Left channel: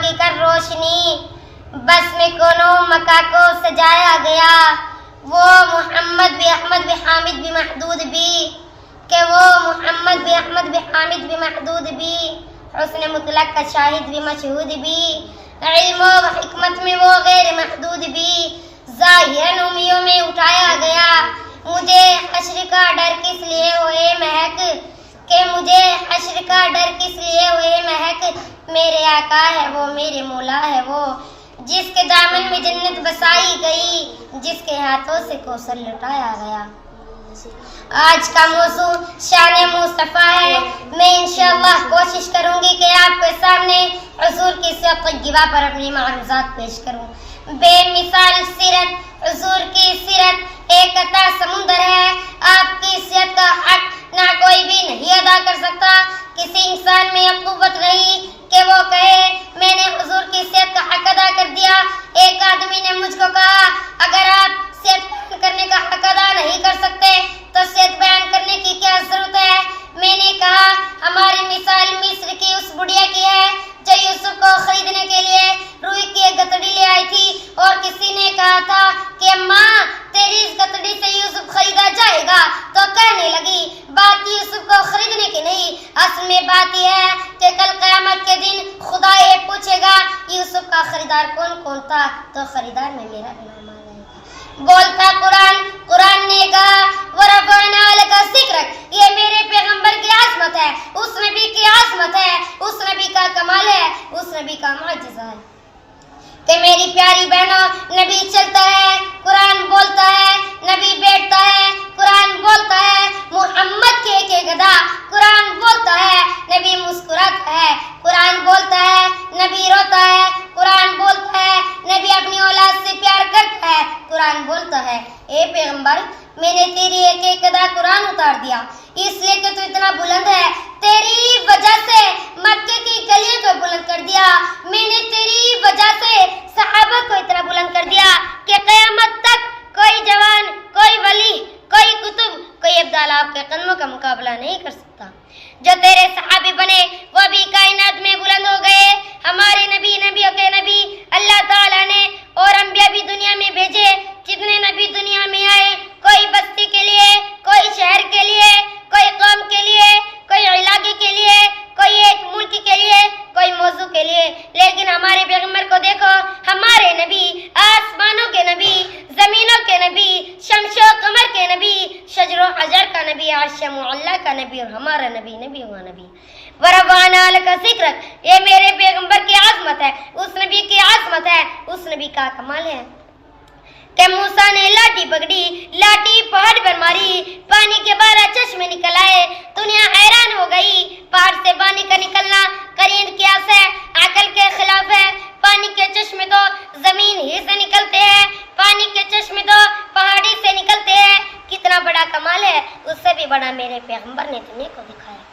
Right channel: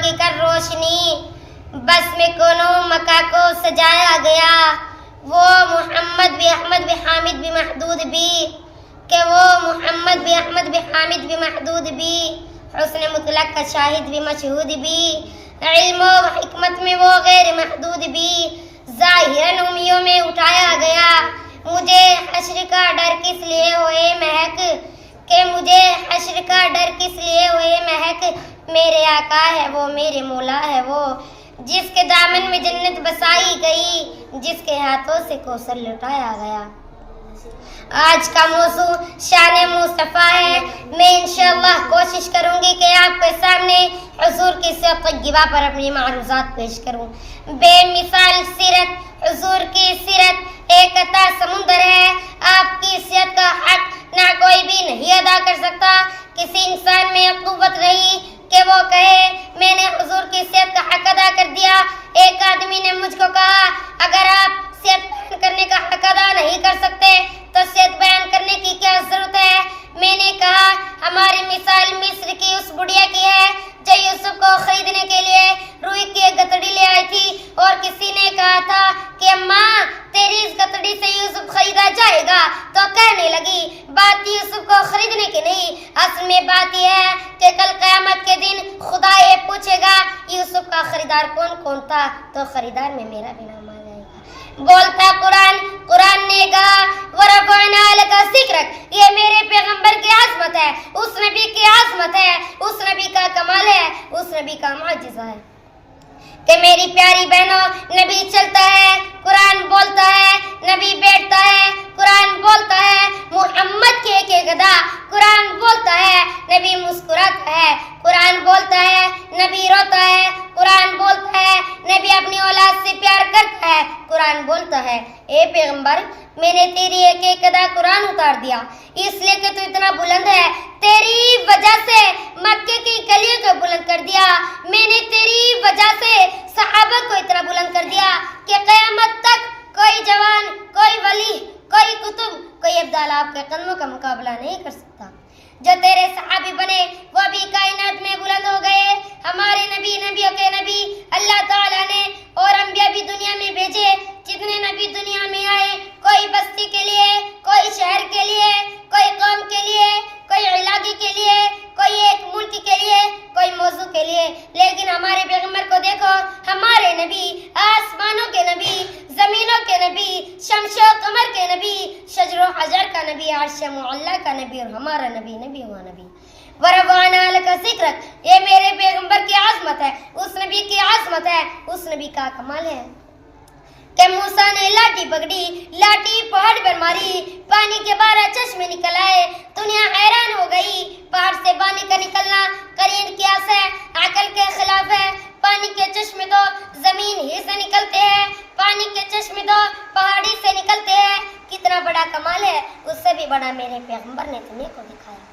मांग कर रोशनी, बस में कोनो मका को सजाया गया। वो मोहम्मद भी अहमद भी हामिद भी महदूद भी, कि वो मोहम्मद भी अहमद भी हामिद भी महदूद भी, हुस्न मुतलक का शाहिद भी मशहूद भी, इल्म व हिकमत में वो गैर महदूद भी, ज़ाहिरन उम्मियों में उठाया गया। मुझे हश्र का डर किस लिए हुए महक, कि मुझे हश्र का डर किस लिए हुए महक, मेरे आका है वो मेरे मौला है वो, जिसके दामन में जन्नत बसाई गई, जिसके हाथों से कौसर लुटाया गया। आज का मौजू शान मुस्तफ़ा है। मैं इंशाअल्लाह कोशिश करूंगी कि आपके सामने हुजूर की सीरत तय्यबा पर अपनी मारूज़ात पेश करूं। बेमिसाल सीरत, हुजूर की सीरत एक अता समुंदर है। आपकी सीरत का हक ना कोई भी नहीं अदा कर सकता। किसी इंसान में यह कुव्वत नहीं कि वो कहे मैंने हुजूर की सीरत का हक अदा कर दिया। एक आदमी ने मुझको कहा, अगर आप सीरत बयान करने का हक अदा नहीं कर सकते तो सीरत बयान करने की क्या जरूरत है। मैंने कहा, हमारी मिसाल मिस्र की उस बुढ़िया की है जो यूसुफ को खरीदने के लिए रुई की एक गतड़ी ले आई थी, और किसी ने कहा था कि अम्मा तेरी इस गतड़ी से यूसुफ खरीदा जाएगा, तो कहने लगी बात यूसुफ को खरीदने की नहीं, असल में बात यह है कि कल क़यामत के दिन खुदा ये पूछेगा यूसुफ का खरीदार कौन कौन था, तो खरीदार में मेरा भी नाम आ जाएगा। बोलता कुरान, कुरान ने कहा वरफ़अना लका ज़िक्रक, ये मेरे पैगंबर की आज़मत है, उस नबी की आज़मत है, उस नबी का कमाल है, उस नबी का मुअजिज़ा है। कि मेरी प्यारी बहनों, नबी चलता है, कुरान बोलता है, नबी बैठता है, कुरान बोलता है, मोहम्मद के गदा, कुरान बोलता है, नबी मुस्कुराता है, कुरान बोलता है, नबी रोता है, कुरान बोलता है, नबी अपनी औलाद से प्यार करता है, कुरान बोलता है ए पैगंबर मैंने तेरी एक अदा कुरान उतार दिया इसलिए कि तू इतना बुलंद है, तेरी वजह से मक्के की गलियों को बुलंद कर दिया, मैंने तेरी वजह से सहाबा को इतना बुलंद कर दिया कि क़यामत तक कोई जवान, कोई वली, कोई कुतुब, कोई अब्दाल आपके कदमों का मुकाबला नहीं कर सकता। जो तेरे सहाबी बने वो भी कायनात में बुलंद हो गए। हमारे नबी, नबियों के नबी अल्लाह ताला ने और अंबिया भी दुनिया में भेजे। जितने नबी दुनिया में आए, कोई बस्ती के लिए, कोई शहर के लिए, कोई कौम के लिए, कोई इलाके के लिए, कोई एक मुल्क के लिए, कोई मौजू के लिए, लेकिन हमारे पैगंबर को देखो, हमारे नबी आसमानों के नबी, जमीनों के नबी, शमशो कमर के नबी, शजरो हजर का नबी, अर्श मुअल्ला का नबी, और हमारा नबी नबी हुआ नबी। वरफ़अना लका ज़िक्रक, ये मेरे पैगंबर की आज़मत है, उस नबी की आज़मत है, उस नबी का कमाल है कि मूसा ने लाठी पकड़ी, लाठी पहाड़ पर मारी, पानी के 12 चश्मे निकल आए, दुनिया हैरान हो गई। पहाड़ से पानी का निकलना करीन कियास है, अकल के खिलाफ है। पानी के चश्मे तो जमीन ही से निकलते हैं, पानी के चश्मे तो पहाड़ी से निकलते हैं। कितना बड़ा कमाल है, उससे भी बड़ा मेरे पैगंबर ने दुनिया को दिखाया।